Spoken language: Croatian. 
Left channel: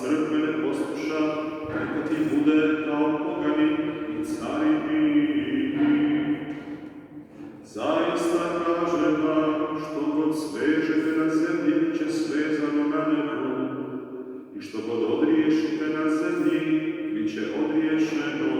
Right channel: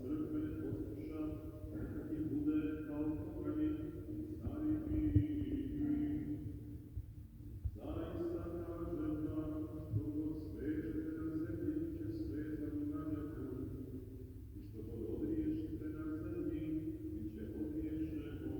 crkve ne posluša, neka ti bude kao pogani i carini. Zaista kažem vam, što god svežete na zemlji, će svezano na nebu, i što god odriješite na zemlji, bit će odriješeno